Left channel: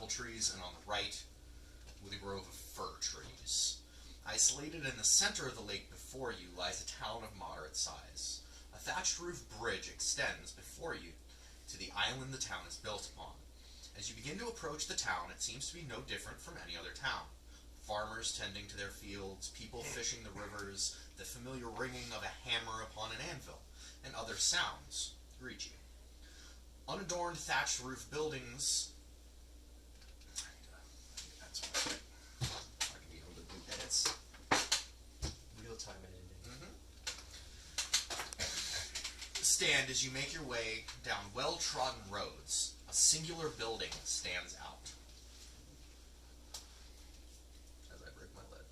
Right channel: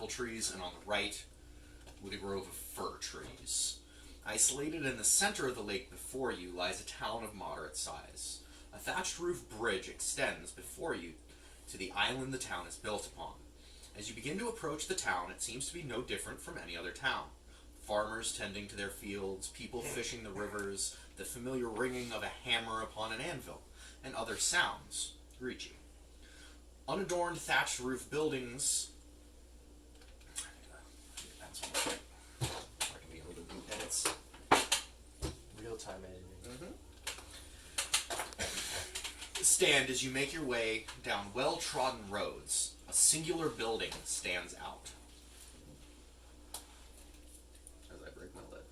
apple trees, and on the right, with a grove of fir trees. Isolated in the center of the lake before you lies a town of moderate size. A thatched roof bridge extends before you to the island the town is built upon. As you begin to approach the town, it seems to be no different from any other town. Farmers tending to their fields, people fishing the rivers, the familiar ringing of a hammer upon an anvil, and other sounds greet you. Unadorned thatched roof buildings. Edits. Real-time editing. Stand as you make your way down well-trodden roads. A singular building stands out. As I break my lid.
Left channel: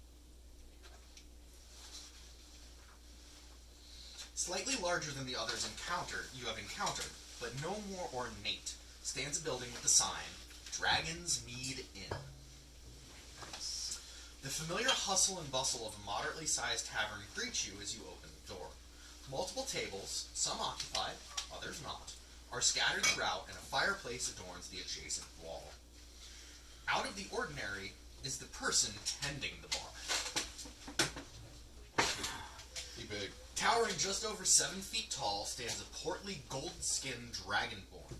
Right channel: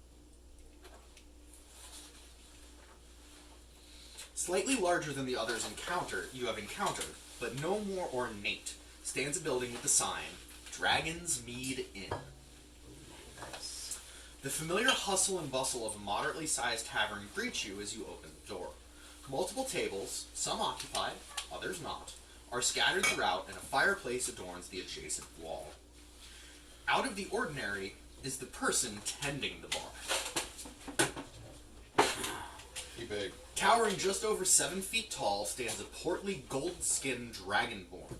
Slightly larger than the others you have encountered, but no more ornate, stands a building with the sign, Dragon's Mead Inn. Nice. The familiar hustle and bustle of a moderately sized tavern greets you as you open the door. Multiple tables, some occupied, others not, are scattered throughout, and a fireplace adorns the adjacent wall. Out of the ordinary is the person tending the bar. He big. Towering just over 7 feet tall stands a portly, gold-skinned dragonborn.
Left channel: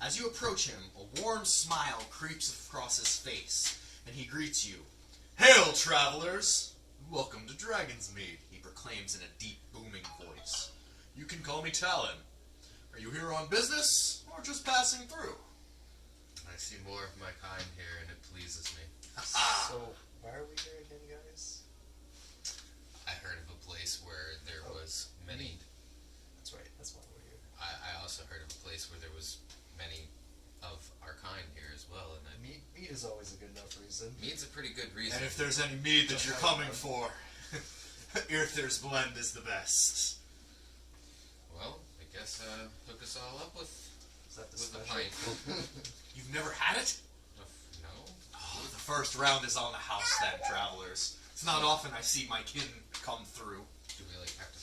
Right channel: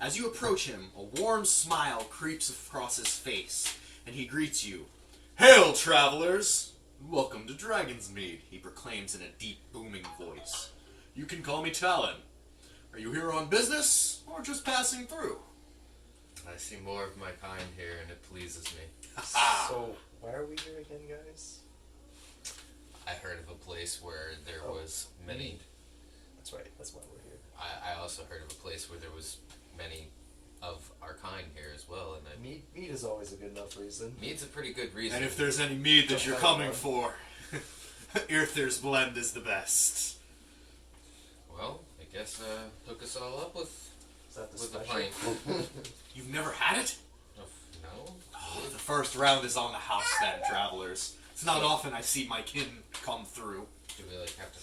As you approach him, a warm smile creeps across his face, and he greets you. "Hail, travelers! Welcome to Dragon's Mead," he proclaims in a deep, booming voice. "You can call me Talon. Are you here on business, or just passing through?" I see more of my kind here, and it pleases me. So, why are we here again, guys? I heard of a place where there was many. That's right. That's why we're here. I also heard of a place where there was many of our kind here as well, and Mead is always a good enough reason. mead's a pretty good reason. And if there's any mead that you're coming for, Earther's Blend is the best. Well, I guess hook us all up with Is that the a special? pint. You've never had it? No. Oh, the first round is on the house then, travelers. It's not often I see my kin come through. Do we have to?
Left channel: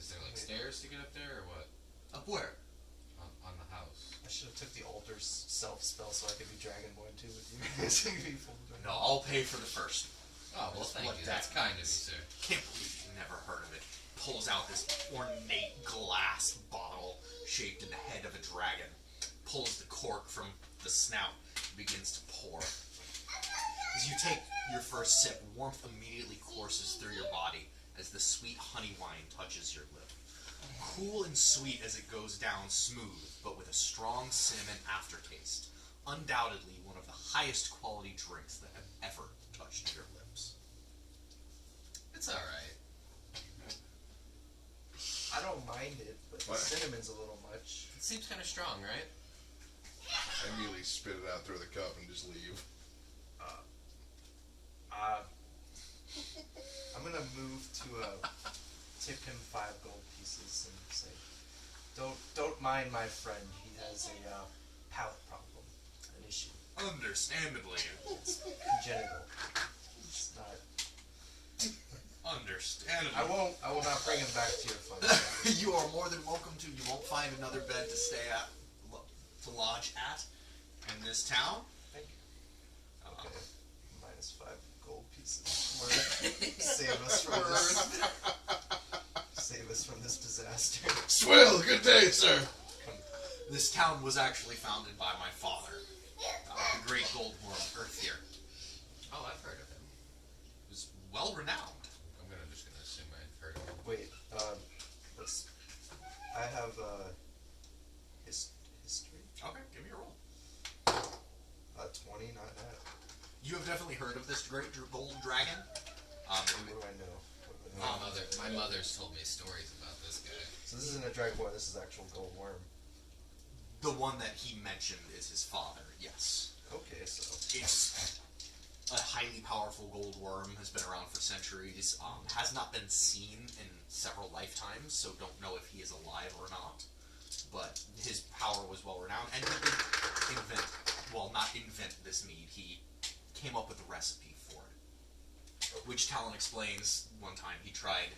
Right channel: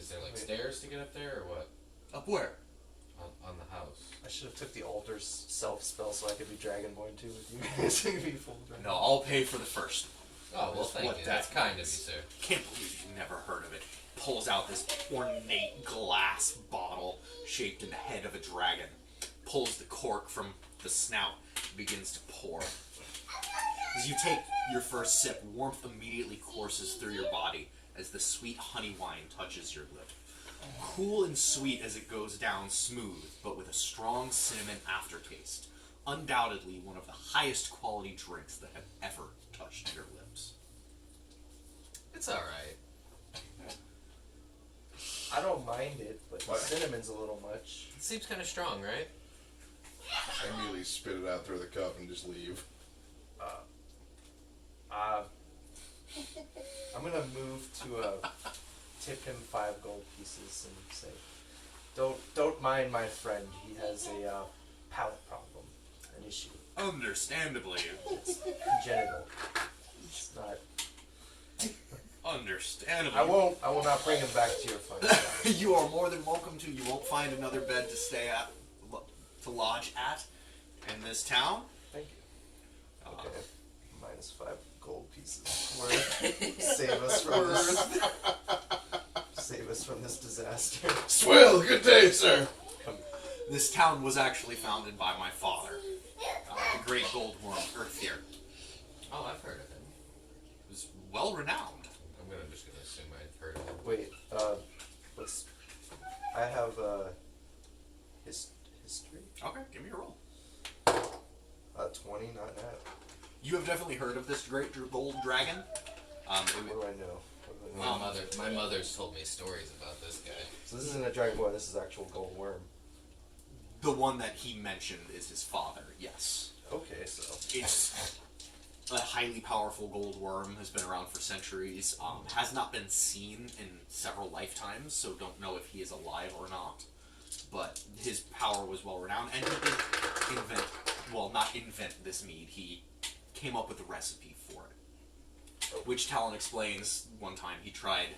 Is there stairs to get up there, or what? Up where? On the house. I should have took the altar's self spell so I could be Dragonborn too with you guys. So you could be full dragon. No, I'll pay for the first. Oh, well, thank What you. that That's kind of you, means. sir. Can't believe you've never heard of it. Pulls out this ornate glass bottle shaped in the head of a dragon. Pulls the cork from the snout and begins to pour. As you take your first sip, warmth immediately courses through your body as the sweet honey wine touches your lip. Cool and sweet as it goes down smooth, but with a strong cinnamon aftertaste. Undoubtedly one of the highest quality drinks that have ever touched your lips. It's all right. I don't mind it, but the What? cinnamon's a little much. It seems kind of strong, right? I immediately spit it out through the cup and just leave. I'm gonna move to tip him 5 gold pieces and say, "Don't mind my friend. He has a palate problem, an issue. Understandably. It's congenital. It's not. Understandably. I will not bring him back to your fight. You are more than welcome to. You won't find another bed to stay at, to lodge at, in this town. Thank you. Uh, Okay. Minus 5 gold pieces. Save us from this. Save us from this disaster. Swill, good day, sir. This town was actually founded by my father, the great goldworm Earthier. Oh, I've heard of him. He was well renowned. I'm just gonna assume I've heard of him. Wait, let's. I have history. Okay, give me a roll. 20, not that. You have definitely heard of this great gold dragon. What do I know? My mother's told me stories about this guy. So this isn't a dragonborn. This is actual gold worm. The one that he mentioned is his father. Yes, Okay, so it's a highly powerful gold worm. Has been around for centuries. Has not been seen in several lifetimes, so don't know if he is alive or not. But his power was well renowned, and he did invent. Well, not invent this mead. He came up with a recipe for it, which Talon explains. One time he tried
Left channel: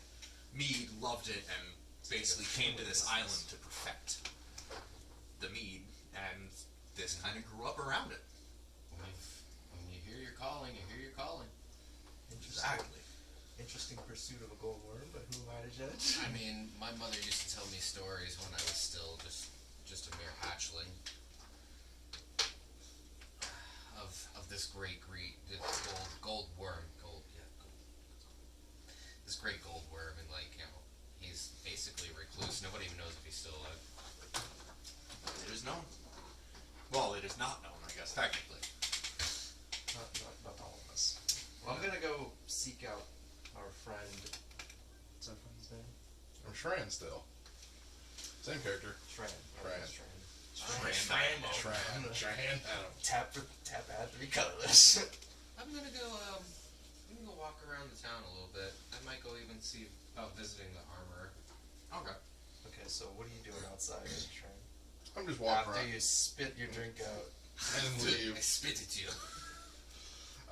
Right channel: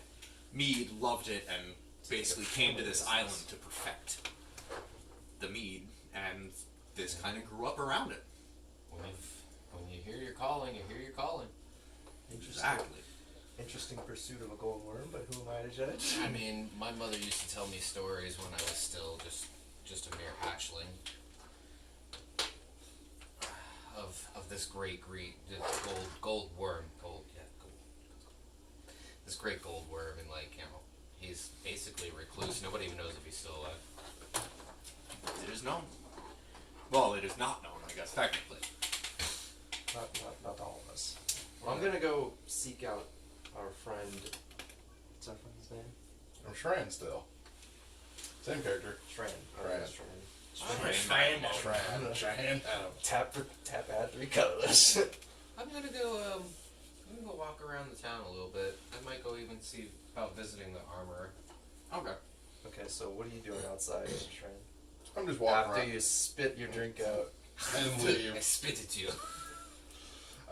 mead, loved it, and basically came to this island to perfect the mead, and this kind of grew up around it. When you hear your calling, you hear your calling. Exactly. Interesting pursuit of a gold worm, but who am I to judge? I mean, my mother used to tell me stories when I was still just a mere hatchling of this great this gold worm, this great gold worm, and like he's basically a recluse. Nobody even knows if he's still alive. It is known. Well, it is not known, I guess, technically. Not all of us. Well, I'm gonna go seek out our friend. What's our friend's name? I'm Shran still. Same character. Shran. Shran. Shran. Tap add 3 colors. I'm gonna go walk around the town a little bit. I might go even see about visiting the armorer. Okay. Okay, so what are you doing outside, Shran? I'm just walking After around you spit your drink out. and I leave. spit at you.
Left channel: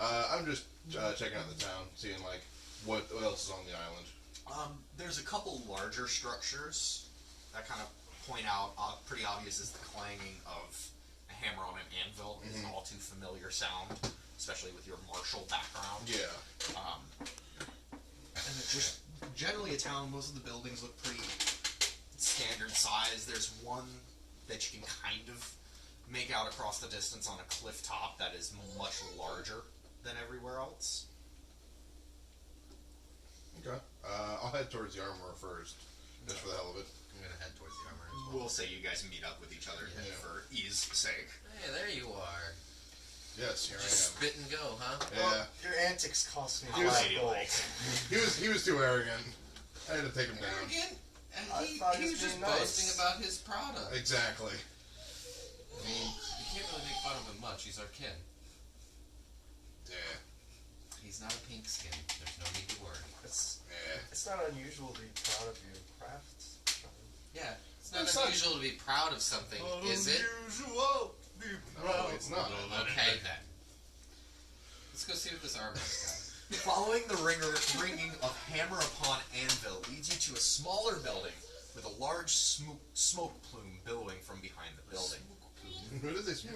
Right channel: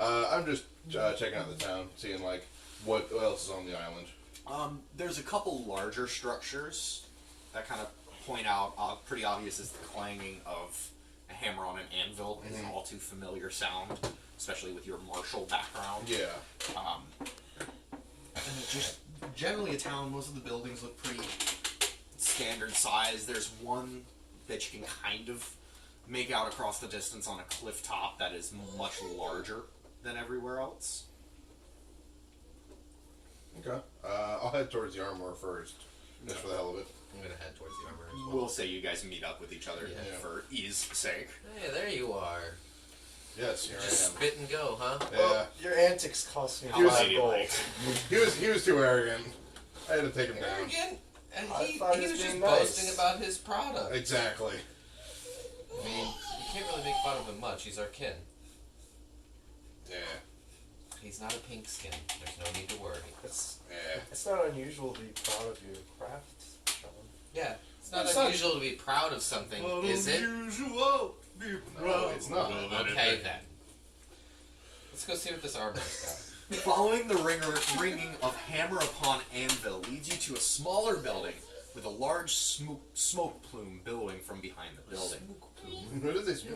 I'm just checking out the town, seeing like what else is on the island. There's a couple larger structures that kind of point out, pretty obvious is the clanging of a hammer on an anvil is an all too familiar sound, especially with your martial background. Yeah. And it's just generally a town, most of the buildings look pretty standard size. There's one that you can kind of make out across the distance on a cliff top that is much larger than everywhere else. Okay. I'll head towards the armorer first, just for the hell of it. I'm gonna head towards the armorer as well. We'll say you guys meet up with each other Yeah. for ease sake. Hey, there you are. Yes, here Just I am. spit and go, huh? Yeah. Well, your antics cost me He was- 5 gold. He was too arrogant. I had to take him down. Arrogant, and I he thought he was was just being nice. boasting about his product. Exactly. I mean, you can't really make fun of him much. He's our kin. Yeah. He's not a pink skin. There's no need to worry. Yeah. It's not unusual to be proud of your craft, Sean. Yeah, it's not It's unusual to be proud of something, is it? Unusual. Be No, it's not. Okay then. Let's go see what this armor's got. Following the ringing of hammer upon anvil leads you to a smaller building with a large smoke plume billowing from behind the building. What is this?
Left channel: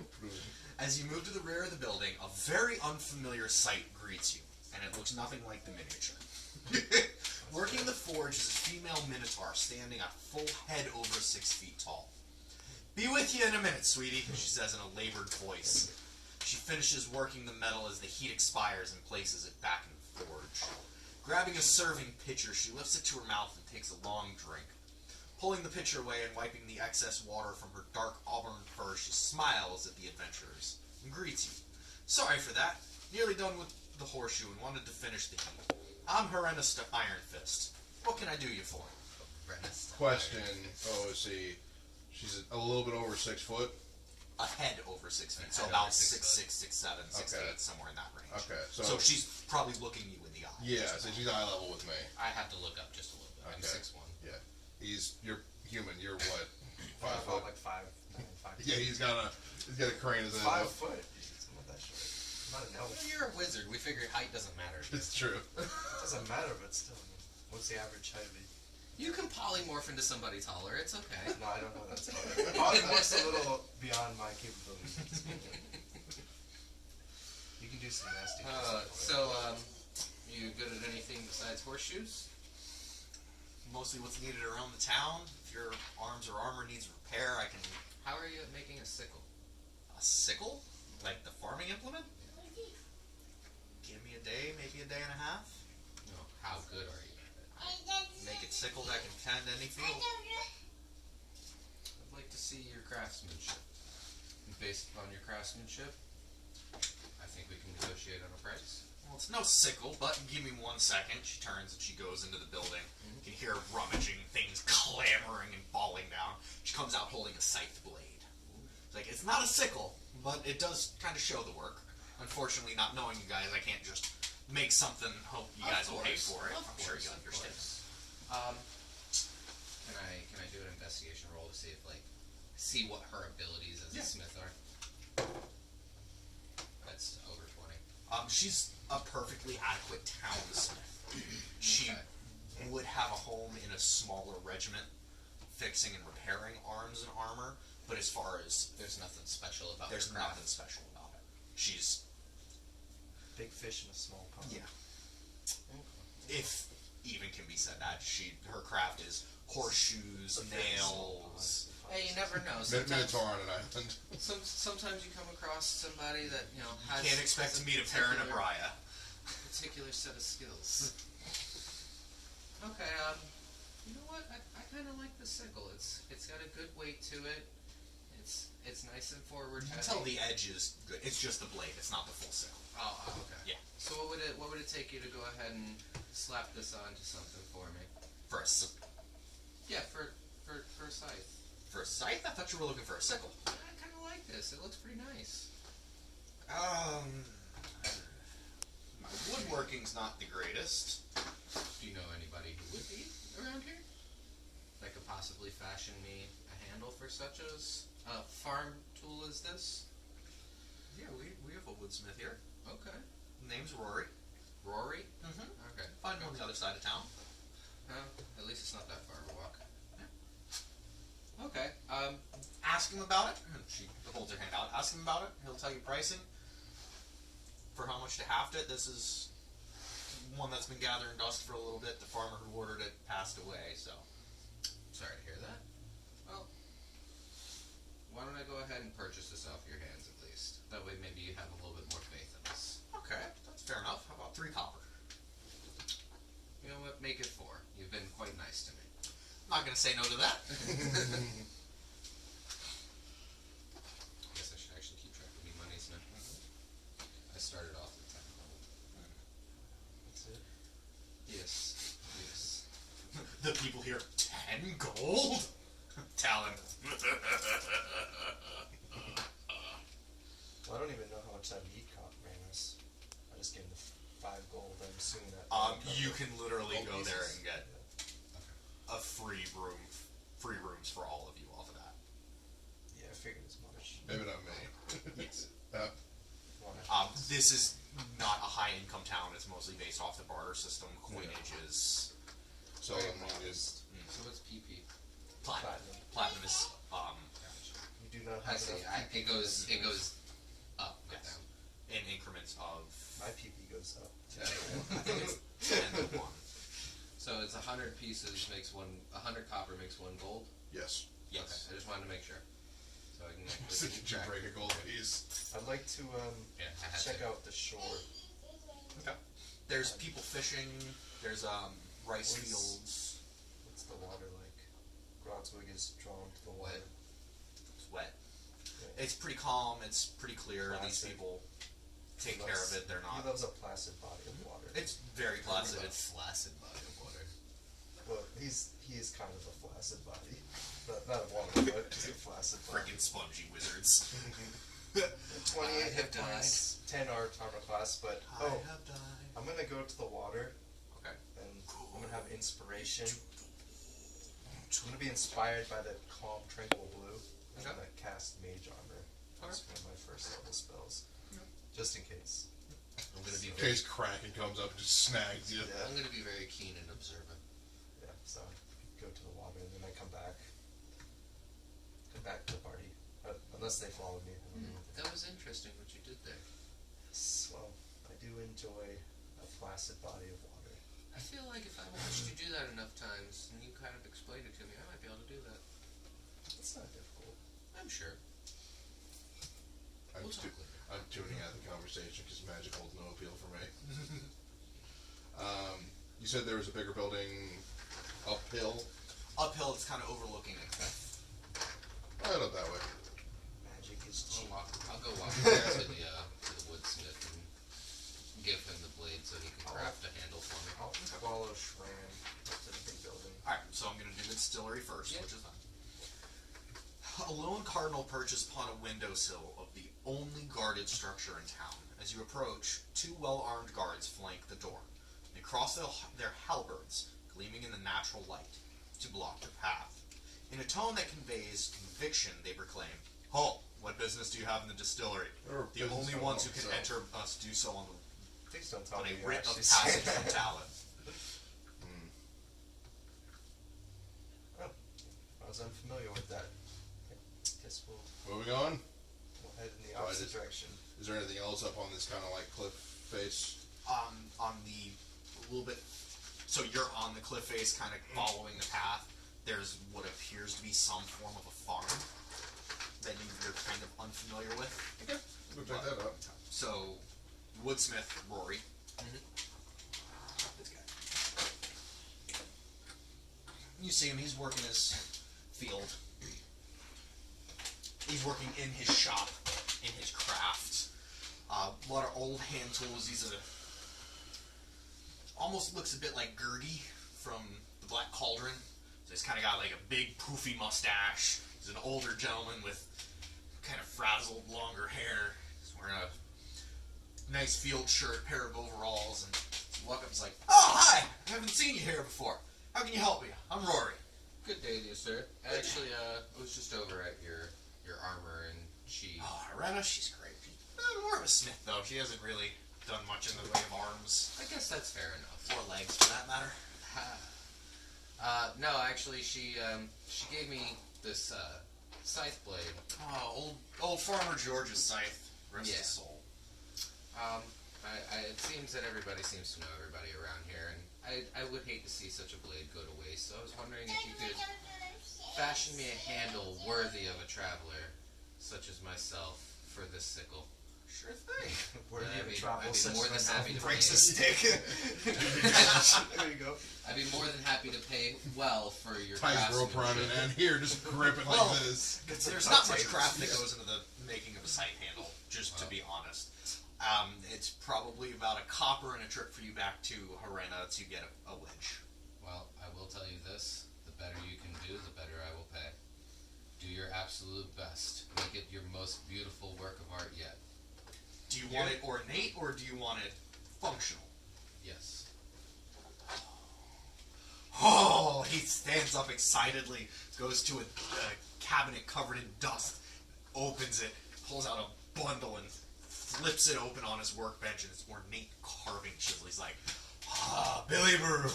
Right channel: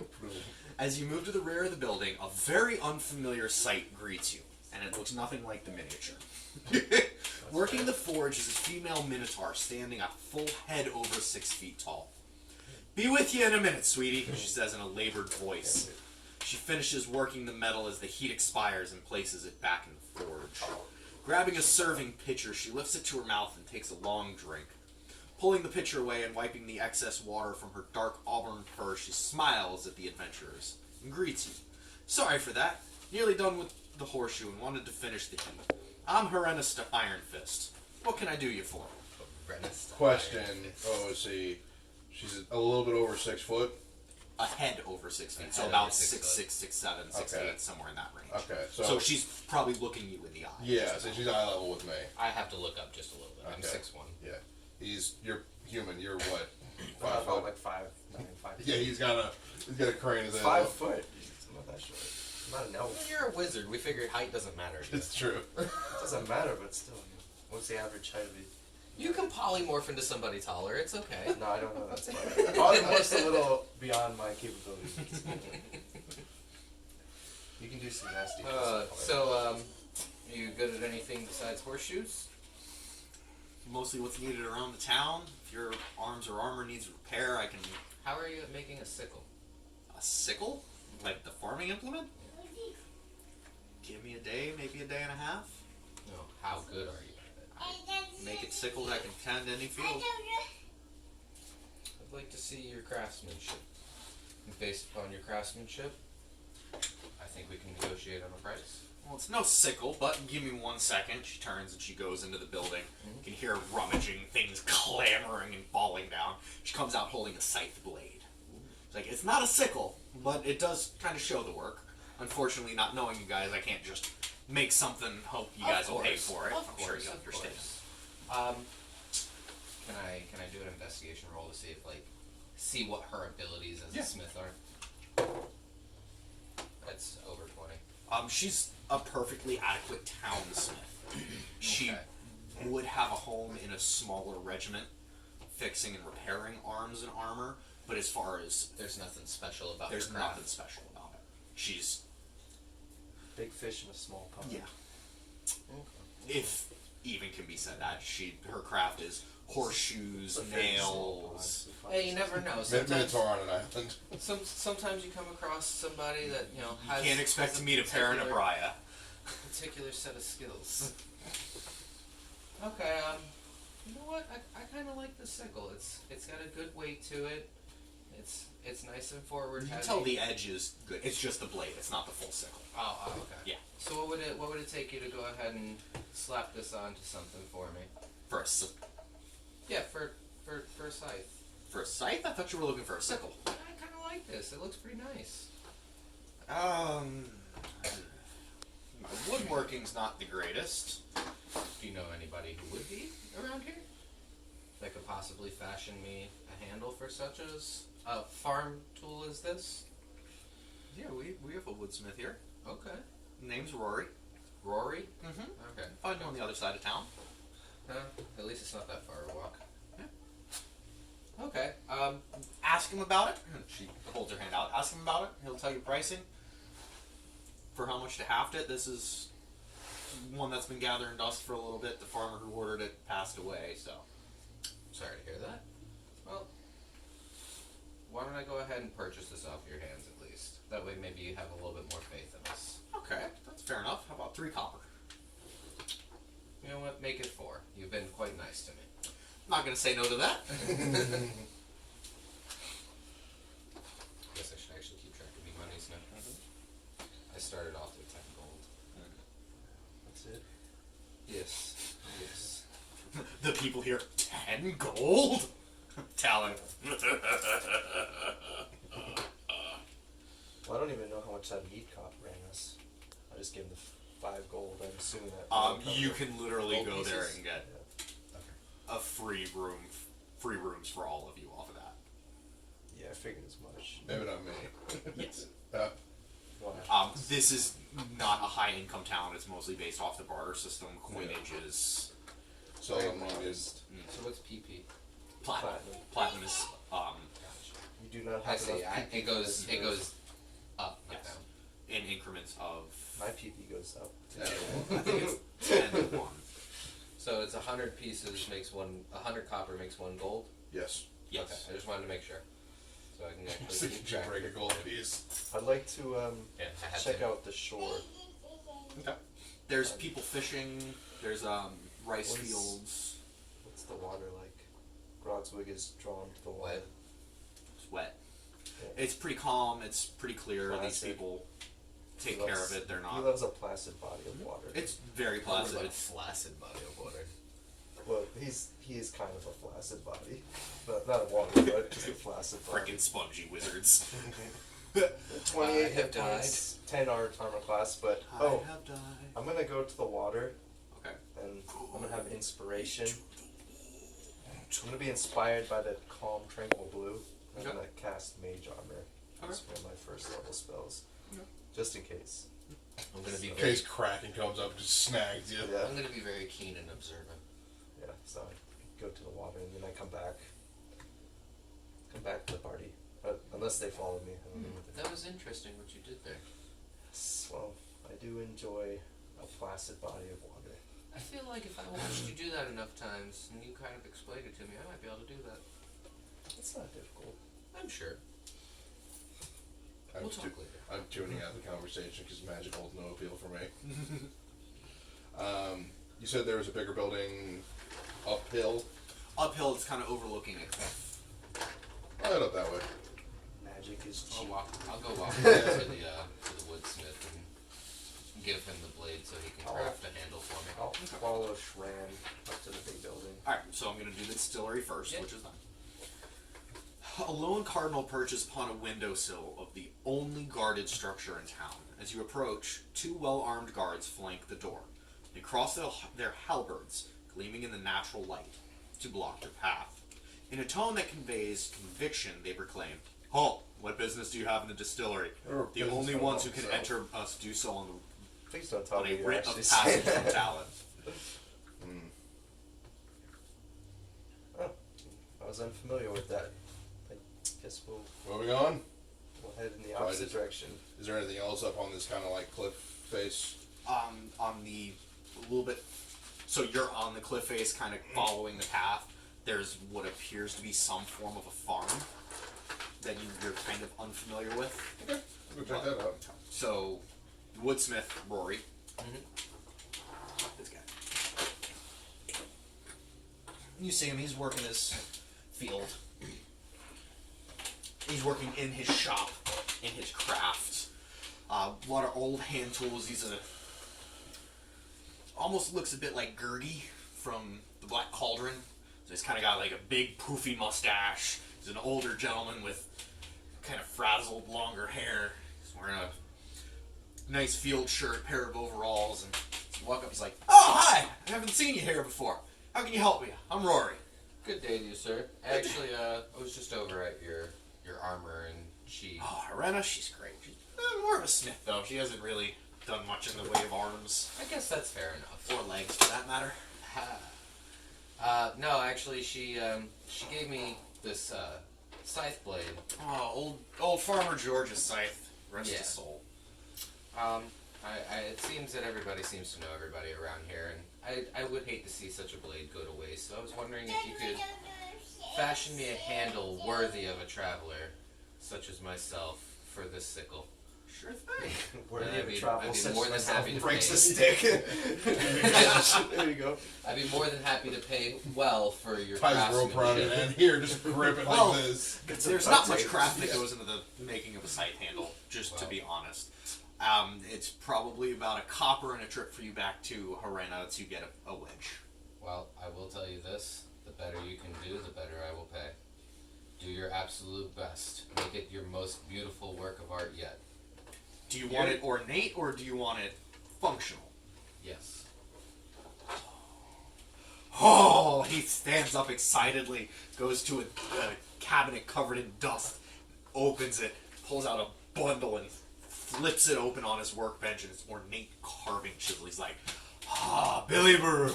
As you move to the rear of the building, a very unfamiliar sight greets you, and it looks nothing like the miniature. Working the forge is a female minotaur standing a full head over 6 feet tall. "Be with you in a minute, sweetie," she says in a labored voice. She finishes working the metal as the heat expires and places it back in the forge. Grabbing a serving pitcher, she lifts it to her mouth and takes a long drink. Pulling the pitcher away and wiping the excess water from her dark auburn fur, she smiles at the adventurers and greets you. "Sorry for that. Nearly done with the horseshoe and wanted to finish the heat. I'm Herenna Iron Fist. What can I do you for?" Question. Oh, let's see. She's a little bit over 6 foot. A head over 6 feet, so head about over 6 6'6", foot. 6'7", 6'8", Okay. somewhere in that range. Okay, So she's probably looking you in the eye. yeah, so she's eye level with me. I have to look up just a little bit. I'm Okay. 6'1". Yeah. You're human. You're what? I'm 5 about foot. like 5'9", Yeah, he's got a crane as a 5 foot. I'm not that short. I'm not an Well, elf. you're a wizard. We figured height doesn't matter. It's true. It doesn't matter, but still. What's the average height of a... You can polymorph into somebody taller. It's okay. No, I don't know that's Polymorph's a little beyond my capabilities. You can do some nasty You good at anything besides horseshoes? Mostly what's needed around the town. If your arms or armor needs repair, I can... How are you at making a sickle? A sickle? Like the farming implement? Give me a day, maybe a day and a half. No. How good are you at it? Make it sickle that can tend any field. I'd like to see your craftsmanship. And based upon your craftsmanship, I think we can negotiate on a price. Well, it's no sickle, but give me 1 second. She turns and she goes into the building. You can hear rummaging, things clamoring and falling down. She comes out holding a scythe blade. It's like, it's not a sickle, but it does kind of show the work. Unfortunately, not knowing you guys, I can't just make something, hope you guys will pay for it. Of I'm sure course, you of understand. course. Can I do an investigation roll to see if see what her abilities as Yeah. a smith are? That's over 20. She's a perfectly adequate townsmith. She Okay. would have a home in a smaller regiment, fixing and repairing arms and armor. But as far as There's nothing special about there's her craft. nothing special about it. She's Big fish in a small pond. yeah, Okay. if even can be said that her craft is horseshoes, It's a very small nails. pond. Hey, you never know. Sometimes, Minotaur on an island. sometimes you come across somebody that has. Can't expect has to meet a parent of particular- Braya. particular set of skills. Okay, you know what? I kind of like the sickle. It's got a good weight to it. It's nice and forward. You can heavy. tell the edge is good. It's just the blade. It's not the full sickle. Oh, okay. Yeah. So what would it take you to go ahead and slap this onto something for me? For a s- Yeah, for a scythe. for a scythe, I thought you were looking for a sickle. I kind of like this. It looks pretty nice. My woodworking's not the greatest. Do you know anybody who would be around here that could possibly fashion me a handle for such a farm tool as this? Yeah, we have a woodsmith here. Okay. Name's Rory. Rory? Mm-hmm. Okay. Find him on the other side of town. At least it's not that far a walk. Yeah. Okay. Ask him about it. She holds her hand out. Ask him about it. He'll tell you pricing. For how much to haft it. This is one that's been gathering dust for a little bit. The farmer who ordered it passed away, so. Sorry to hear that. Well, why don't I go ahead and purchase this off your hands at least? That way maybe you have a little bit more faith in us. Okay, that's fair enough. How about 3 copper? You know what? Make it 4. You've been quite nice to me. Not gonna say no to that. Guess I should actually keep track of your money, Smith. I started off with 10 gold. That's it. Yes. Yes. The people here, 10 gold? Talon. Well, I don't even know how much that meat cop ran us. I just gave him the 5 gold. I'm assuming that. You can literally Gold go there pieces? and get Yeah. a free rooms for all of you off of that. Yeah, I figured as much. Maybe not me. Yes. Why? This is not a high income town. It's mostly based off the barter system. Coinage is So Very I'm gonna modest. So what's PP? platinum. Platinum. Platinum is Gotcha. You do not I have see. enough PP It goes for this move. up, not Yes. down. in increments of My PP goes up. Yeah. I think it's 10 to 1. So it's 100 pieces makes 100 copper makes 1 gold. Yes. Yes. Okay, I just wanted to make sure. So I can So actually you can break a gold piece. I'd like to Yeah, I had check to. out the shore. Okay. There's people fishing. There's rice What is- fields. What's the water like? Grogswig is drawn to the water. Wet. It's wet. Yeah. It's pretty calm. It's pretty clear. These Placid. people take He care loves- of it. They're He not. loves a placid body of water. It's very What placid. about It's flaccid body of water. Well, he is kind of a flaccid body. Not a water, but just a flaccid body. freaking spongy wizards. 28 I have hit points, 10 armor class, but I have died. I'm gonna go to the water Okay. and I'm gonna have inspiration. I'm gonna be inspired by the calm, tranquil blue. I'm Okay. gonna cast mage armor. That's Okay. one of my first level spells, Yep. just in case. I'm gonna be In very. case Kraken comes up and just snags you. Yeah. I'm gonna be very keen and observant. Yeah. So I go to the water and then I come back. Come back to the party, unless they follow me. I don't know. That was interesting what you did there. Yes, well, I do enjoy a placid body of water. I feel like if I watched you do that enough times and you kind of explained it to me, I might be able to do that. It's not difficult. I'm sure. I'm, We'll talk later. I'm tuning out the conversation because magic holds no appeal for me. You said there was a bigger building uphill. Uphill, it's kind of overlooking a cliff. I'll head up that way. Magic is cheap. I'll go walk over to the woodsmith and give him the blade so he can craft a handle for me. I'll follow Shran up to the big building. Alright, so I'm going to do the distillery first, Yeah. which is fine. A lone cardinal perches upon a windowsill of the only guarded structure in town. As you approach, 2 well-armed guards flank the door. They cross their halberds, gleaming in the natural light, to block your path. In a tone that conveys conviction, they proclaim, "Halt! What business do you have in the distillery? Or The business only from ones who home, can so." enter us do so on Please don't tell me a you writ of actually passage say from that. Talon." Oh, I was unfamiliar with that. I guess we'll Moving on. head in the So I opposite just- direction. Is there anything else up on this kind of like cliff face? On the little bit, so you're on the cliff face, kind of following the path. There's what appears to be some form of a farm that you're kind of unfamiliar with. Okay, we'll check that out. So, Woodsmith Rory. This guy. You see him, he's working his field. He's working in his shop, in his craft. A lot of old hand tools. He's almost looks a bit like Gurgi from the Black Cauldron. So he's kind of got like a big poofy mustache. He's an older gentleman with kind of frazzled, longer hair. He's wearing a nice field shirt, pair of overalls, and walk up. He's like, "Oh, hi! I haven't seen you here before. How can you help me? I'm Rory." Good day to you, sir. Actually, I was just over at your armor, and she. Oh, Irena, she's great. She's more of a smith, though. She hasn't really done much in the way of arms I guess that's fair enough. or legs, for that matter. No, actually, she gave me this scythe blade. Oh, old Farmer George's scythe. Rest Yeah. his soul. It seems that everybody seems to know everybody around here, and I would hate to see such a blade go to waste. So I was wondering if you could fashion me a handle worthy of a traveler, such as myself, for this sickle. Sure thing. Worthy I'd of be- travel, I'd be such more as than myself happy to breaks pay. the stick. There you go. I'd be more than happy to pay well for your Ties rope around it, craftsmanship. and here, just grip it like Well, this. There's not much craft that goes into the making of a scythe handle, just to be honest. It's probably about a copper and a trip for you back to Harena to get a wedge. Well, I will tell you this: the better you can do, the better I will pay. Do your absolute best. Make it your most beautiful work of art yet. Do you want it ornate or do you want it functional? Yes. Oh, he stands up excitedly, goes to a cabinet covered in dust, opens it, pulls out a bundle and flips it open on his workbench, and it's ornate carving chisel. He's like, Billy Brew,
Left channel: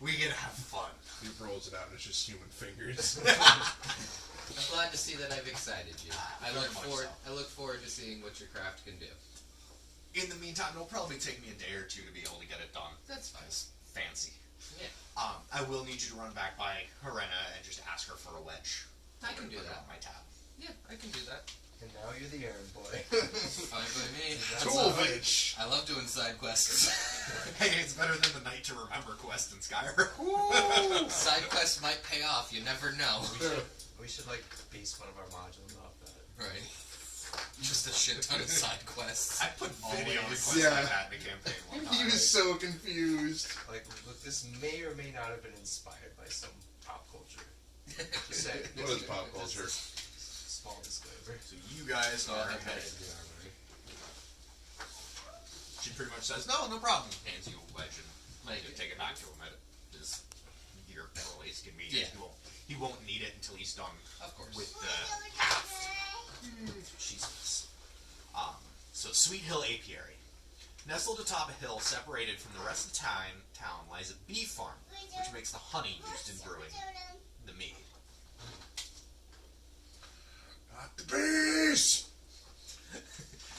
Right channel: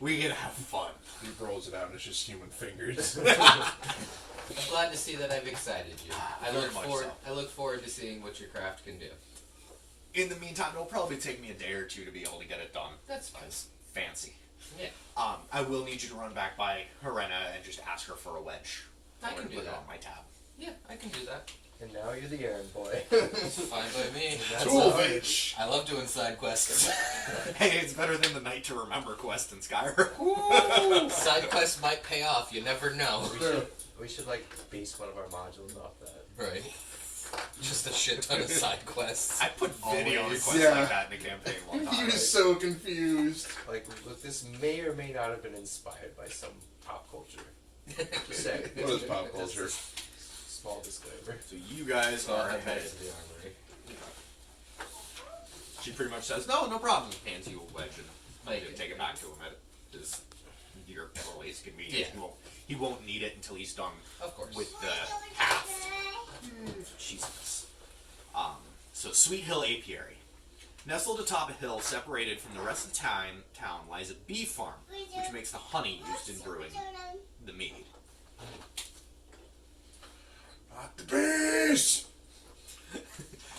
we can have fun. He rolls it out, and it's just human fingers. I'm glad to see that I've excited you. Very much so. I look forward to seeing what your craft can do. In the meantime, it'll probably take me a day or two to be able to get it done. That's fine. It's fancy. Yeah. I will need you to run back by Harena and just ask her for a wedge. I I'm can gonna do put it that. on my tab. Yeah, I can do that. And now you're the errand boy. Fine by me. That's Tool all right. bitch. I love doing side quests. Hey, it's better than the Night to Remember quest in Skyrim. Side quests might pay off. You never know. We should like base one of our modules off that. Right. Just a shit ton of side quests. I put video Always. requests Yeah. like that in a campaign one He time. was so confused. Like, look, this may or may not have been inspired by some pop culture. Just saying. What is pop culture? Small disclaimer. So you guys So are I'll head headed. to the armory. She pretty much says, no problem. Hands you a wedge and Thank you you. take it back to him at his your earliest convenience. Yeah. He won't need it until he's done Of course. with the haft. Jesus. So Sweet Hill Apiary. Nestled atop a hill separated from the rest of the town lies a bee farm, which makes the honey used in brewing the mead. Not the bees!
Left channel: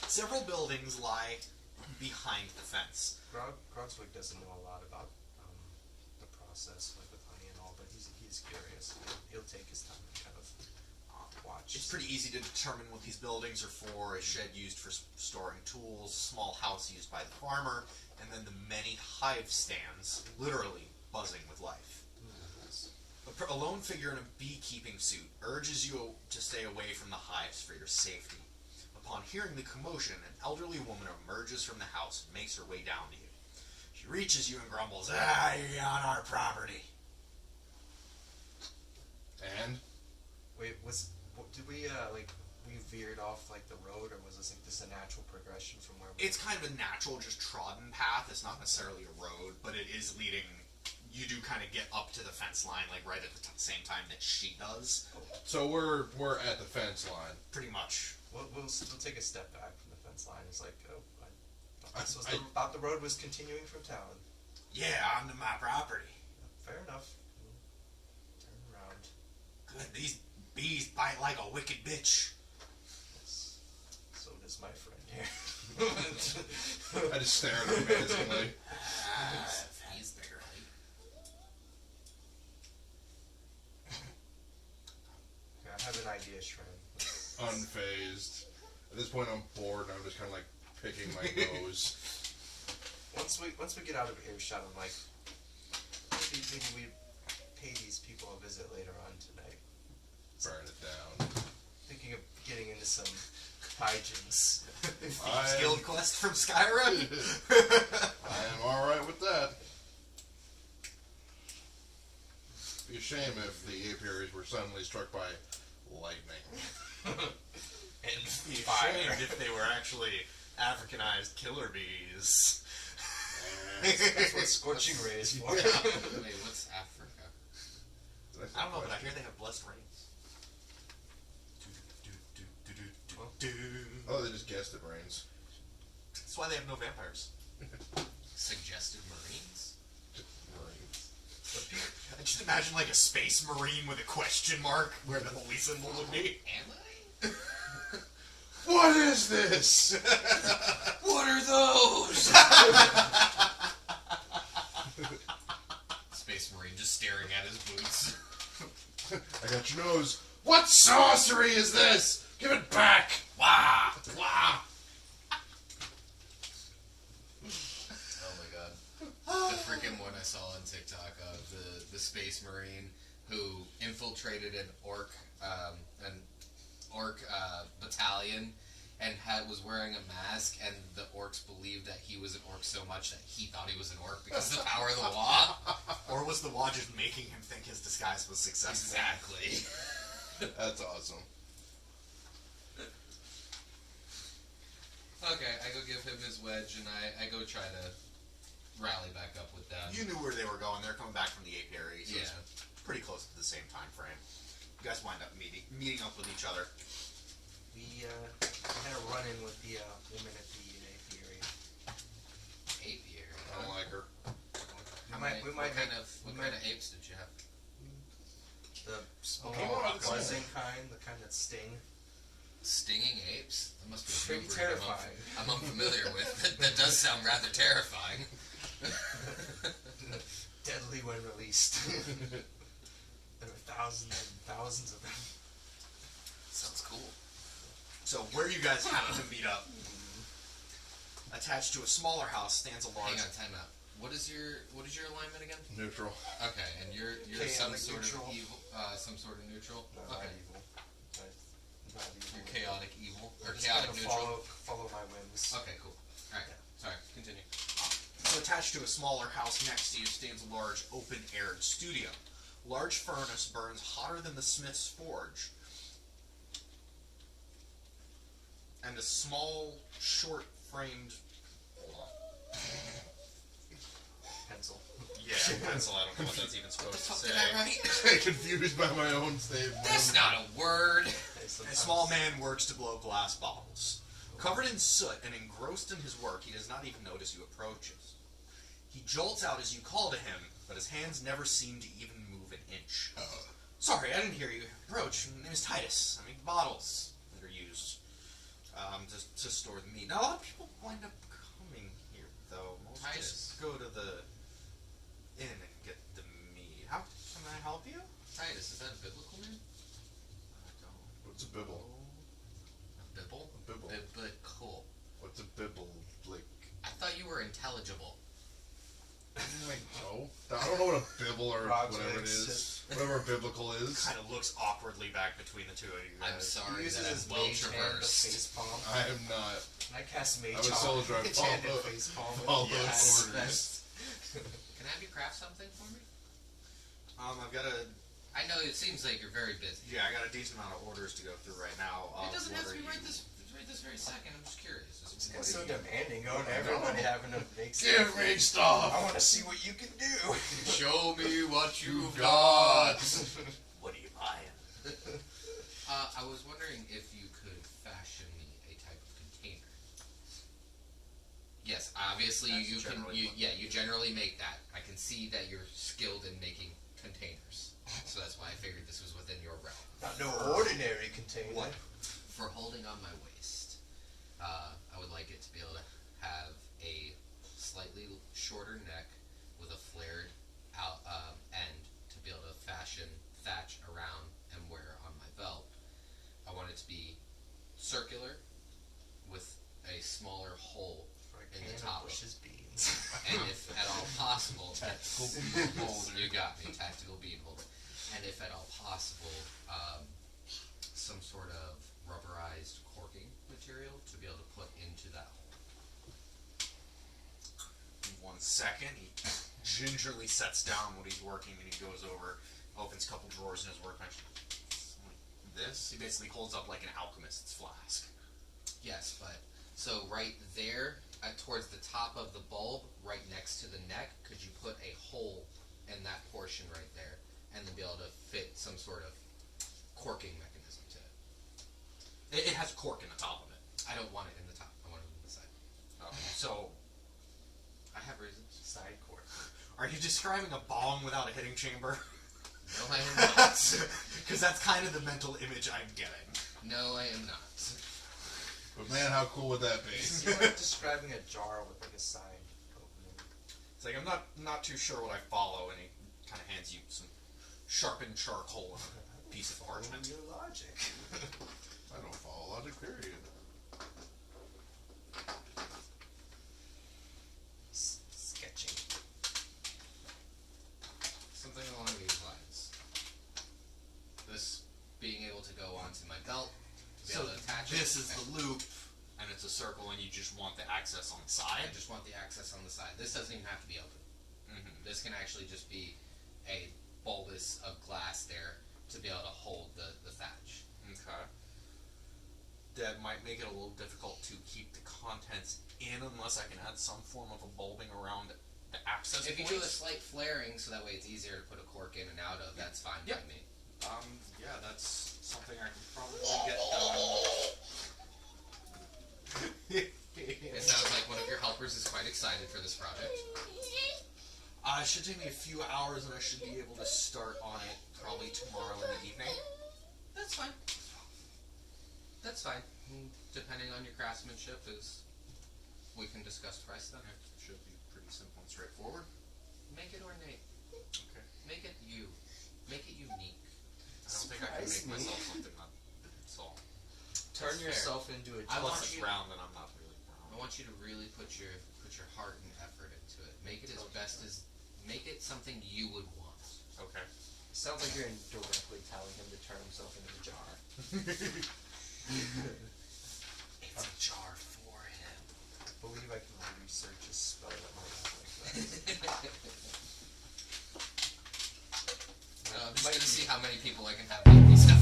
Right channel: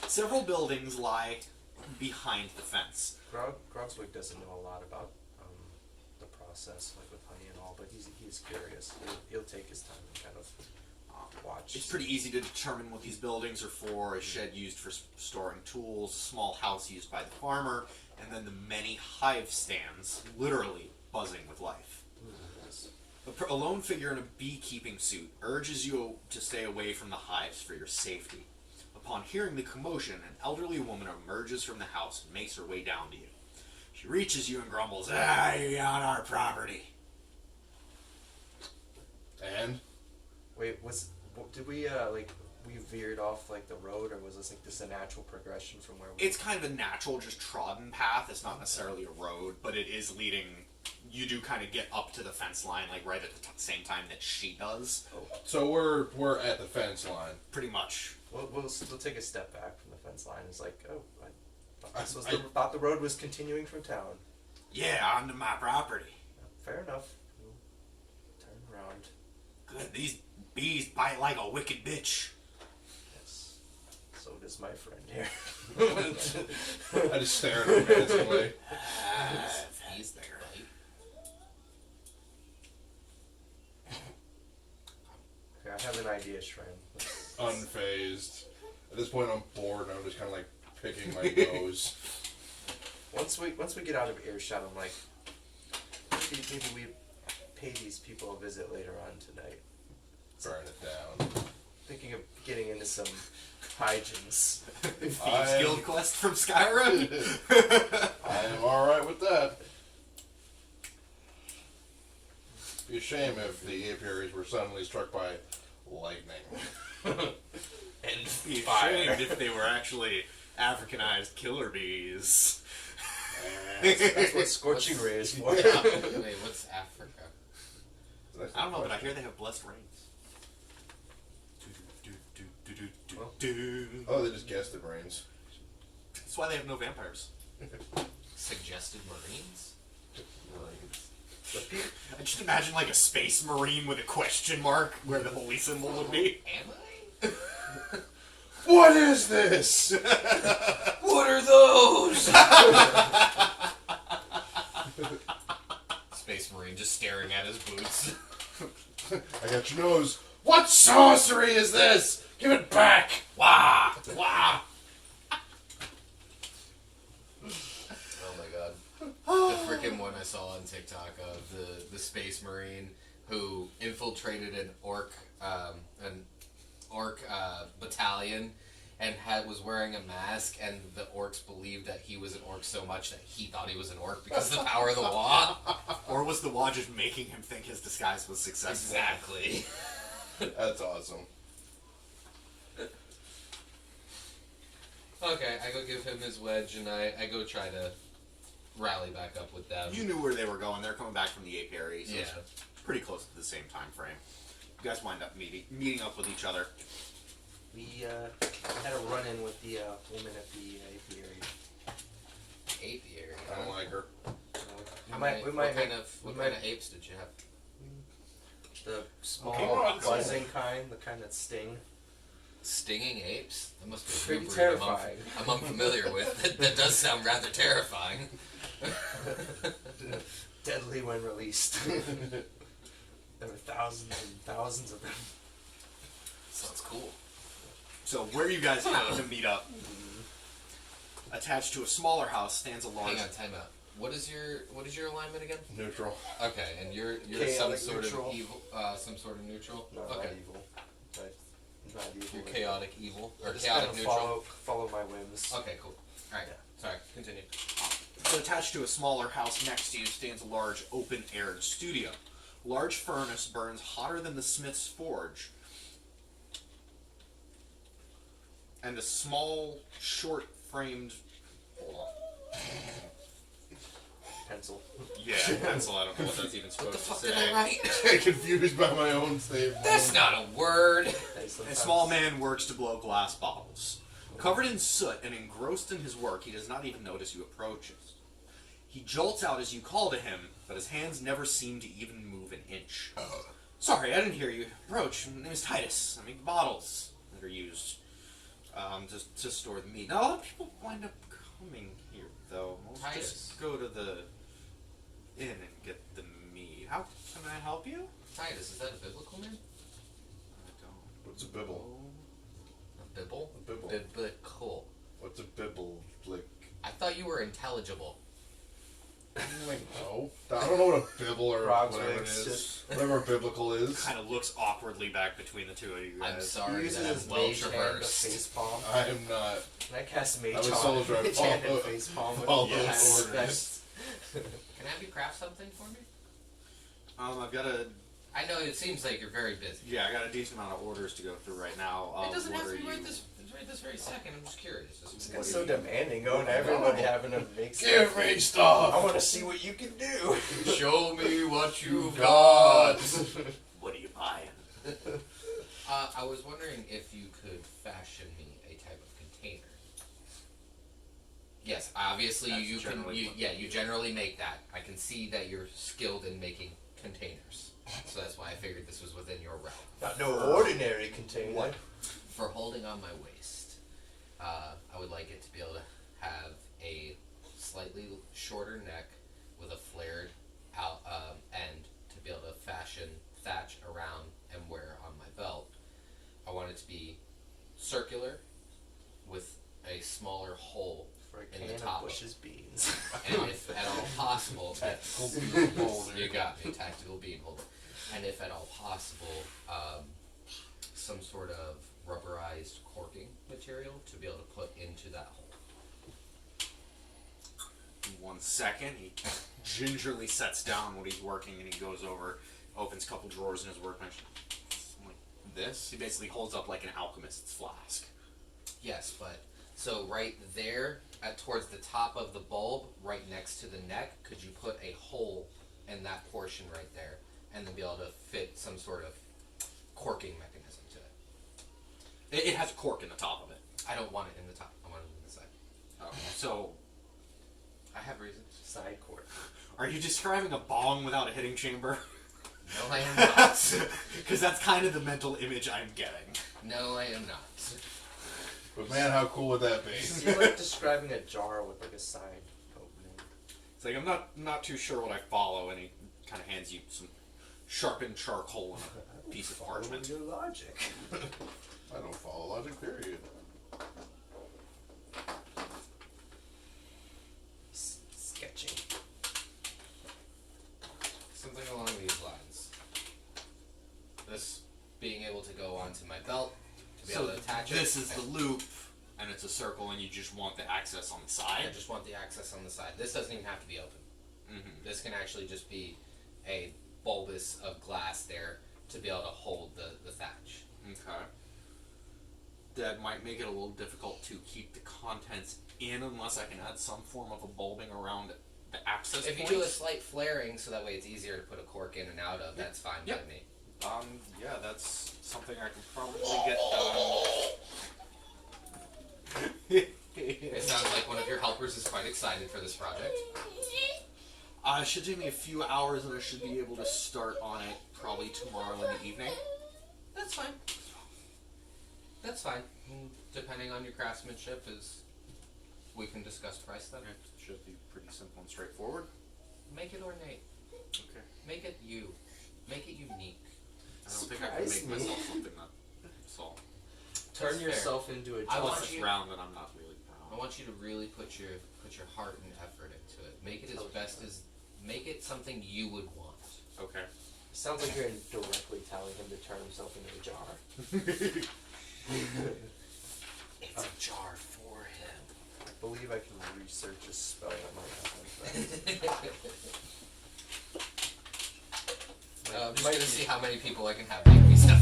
Several buildings lie behind the fence. Grogswig doesn't know a lot about the process, like with honey and all, but he's curious. He'll take his time and kind of watch. It's pretty easy to determine what these buildings are for: a shed used for storing tools, a small house used by the farmer, and then the many hive stands, literally buzzing with life. A lone figure in a beekeeping suit urges you to stay away from the hives for your safety. Upon hearing the commotion, an elderly woman emerges from the house and makes her way down to you. She reaches you and grumbles, you're on our property. And? Wait, did we we veered off like the road, or was this like just a natural progression from where we? It's kind of a natural, just trodden path. It's not necessarily a road, but it is leading. You do kind of get up to the fence line, like right at the same time that she does. So we're at the fence line. Pretty much. We'll take a step back from the fence line. It's like, oh, I- thought the road was continuing from town. Yeah, onto my property. Fair enough. We'll turn around. Good, these bees bite like a wicked bitch. Yes. is my friend here? I just stare at him menacingly. He's the girl. Okay, I have an idea, Shrem. Unfazed. At this point, I'm bored, and I'm just kind of like picking my nose. Once we get out of earshot, I'm like, maybe we pay these people a visit later on tonight. Burn it down. Thinking of getting into some hijinks. Thieves Guild quest from Skyrim. I am alright with that. Be a shame if the apiaries were suddenly struck by lightning. And Be fire. ashamed if they were actually Africanized killer bees. That's what scorching ray is for. Wait, what's Africa? I don't know, but I hear they have blessed rains. Oh, they just guessed it rains. That's why they have no vampires. Suggested Marines? I just imagine like a space marine with a question mark where the holy symbol would be. Am I? What is this? What are those? Space Marine just staring at his boots. I got your nose. What sorcery is this? Give it back! Wah! Wah! Oh my god. The freaking one I saw on TikTok of the Space Marine who infiltrated an orc battalion and was wearing a mask, and the orcs believed that he was an orc so much that he thought he was an orc because of the power of the Wa. Or was the Wa just making him think his disguise was successful? Exactly. That's awesome. Okay, I go give him his wedge, and I go try to rally back up with them. You knew where they were going. They're coming back from the apiary, so Yeah. it's pretty close to the same time frame. You guys wind up meeting up with each other. We had a run-in with the woman at the apiary. Apiary. I don't like her. We might What kind of apes did you have? the small Oh, buzzing kind, the kind that sting. Stinging apes? That must be a Pretty new breed terrifying. I'm unfamiliar with. That does sound rather terrifying. Deadly when released. There were thousands and thousands of them. Sounds cool. So where you guys happen to meet up, attached to a smaller house stands a large. Hang on, time out. What is your alignment again? Neutral. Okay, and you're Chaotic some sort neutral. of evil, some sort of neutral. No, Okay, not evil. Not evil. you're chaotic evil or Just chaotic kinda neutral. follow my whims. Okay, cool. All right, sorry. Continue. So attached to a smaller house next to you stands a large open-aired studio. A large furnace burns hotter than the smith's forge. And a small, short-framed... Hold on. Pencil. Yeah, pencil. I don't know what that's even supposed to say. Did I write? Confused by my own state. That's not a word. A small man works to blow glass bottles. Covered in soot and engrossed in his work, he does not even notice you approaches. He jolts out as you call to him, but his hands never seem to even move an inch. Sorry, I didn't hear you approach. My name is Titus. I make the bottles that are used to store the meat. Now, a lot of people wind up coming here, though. Most Titus. just go to the inn and get the meat. How can I help you? Titus, is that a biblical name? I don't What's a bibble? know. A bibble? A bibble. Biblical. What's a bibble? Like, I thought you were intelligible. no. I don't know what a bibble or Frogs whatever it legs, is. Whatever a biblical is. Kind of looks awkwardly back between the two of you guys. I'm He sorry uses that his I'm well mage hand to traversed. face palm. I am not. Can I cast mage I was on soldier, I mage hand and follow- face palm with follow it? those Yes. orders. Can I have you craft something for me? I've got a I know it seems like you're very busy. I got a decent amount of orders to go through right now. It doesn't have what to be are right you- this very second. I'm just curious. This guy's so demanding, going to everybody having to make Give me I stuff! want to see what you can do. Show me what you've got. What are you buying? I was wondering if you could fashion me a type of container. Yes, obviously That's you can. generally what- You generally make that. I can see that you're skilled in making containers, so that's why I figured this was within your realm. Not no ordinary container. What? For holding on my waist, I would like it to be able to have a slightly shorter neck with a flared out end to be able to fashion thatch around and wear on my belt. I want it to be circular with a smaller hole For a in can the top of of Bush's beans. and if at all possible, Tactical bean holder. you got me, tactical bean holder. And if at all possible, some sort of rubberized corking material to be able to put into that hole. In 1 second, he gingerly sets down what he's working and he goes over, opens a couple drawers in his workbench. Like this? He basically holds up like an alchemist's flask. Yes, but so right there, towards the top of the bulb, right next to the neck, could you put a hole in that portion right there, and then be able to fit some sort of corking mechanism to it? It has a cork in the top of it. I don't want it in the top. I want it in the side. So, I have reasons. Side court. are you describing a bong without a hitting chamber? No, I am not. Because that's kind of the mental image I'm getting. No, I am not. But man, how cool would that be? You're like describing a jar with like a side opening. It's like, I'm not too sure what I follow, and he kind of hands you some sharpened charcoal and a piece of parchment. Your logic. I don't follow logic, period. Sketching. Something along these lines. This being able to go onto my belt, to be So able to attach it. this is the loop, and it's a circle, and you just want the access on the side. I just want the access on the side. This doesn't even have to be open. Mm-hmm. This can actually just be a bulbous of glass there to be able to hold the thatch. Okay. That might make it a little difficult to keep the contents in unless I can add some form of a bulbing around the access If you point. do a slight flaring so that way it's easier to put a cork in and out of, that's fine by Yep. me. Yeah, that's something I can probably get done. It sounds like one of your helpers is quite excited for this project. It should take me a few hours, and I should be able to start on it probably tomorrow in the evening. That's fine. That's fine. Depending on your craftsmanship, we can discuss price then. It should be pretty simple and straightforward. Make it ornate. Okay. Make it you. Make it unique. I don't think I can Surprise make me. myself something that's all. Turn That's yourself into a I jar. want Plus it's you- round, and I'm not really I brown. want you to really put your heart and effort into it. Make it as best as. Make it something you would want. Okay. Sounds like you're indirectly telling him to turn himself into a jar. It's a jar for him. I believe I can research a spell that might have like that. I'm just gonna see how many people I can have make me stuff.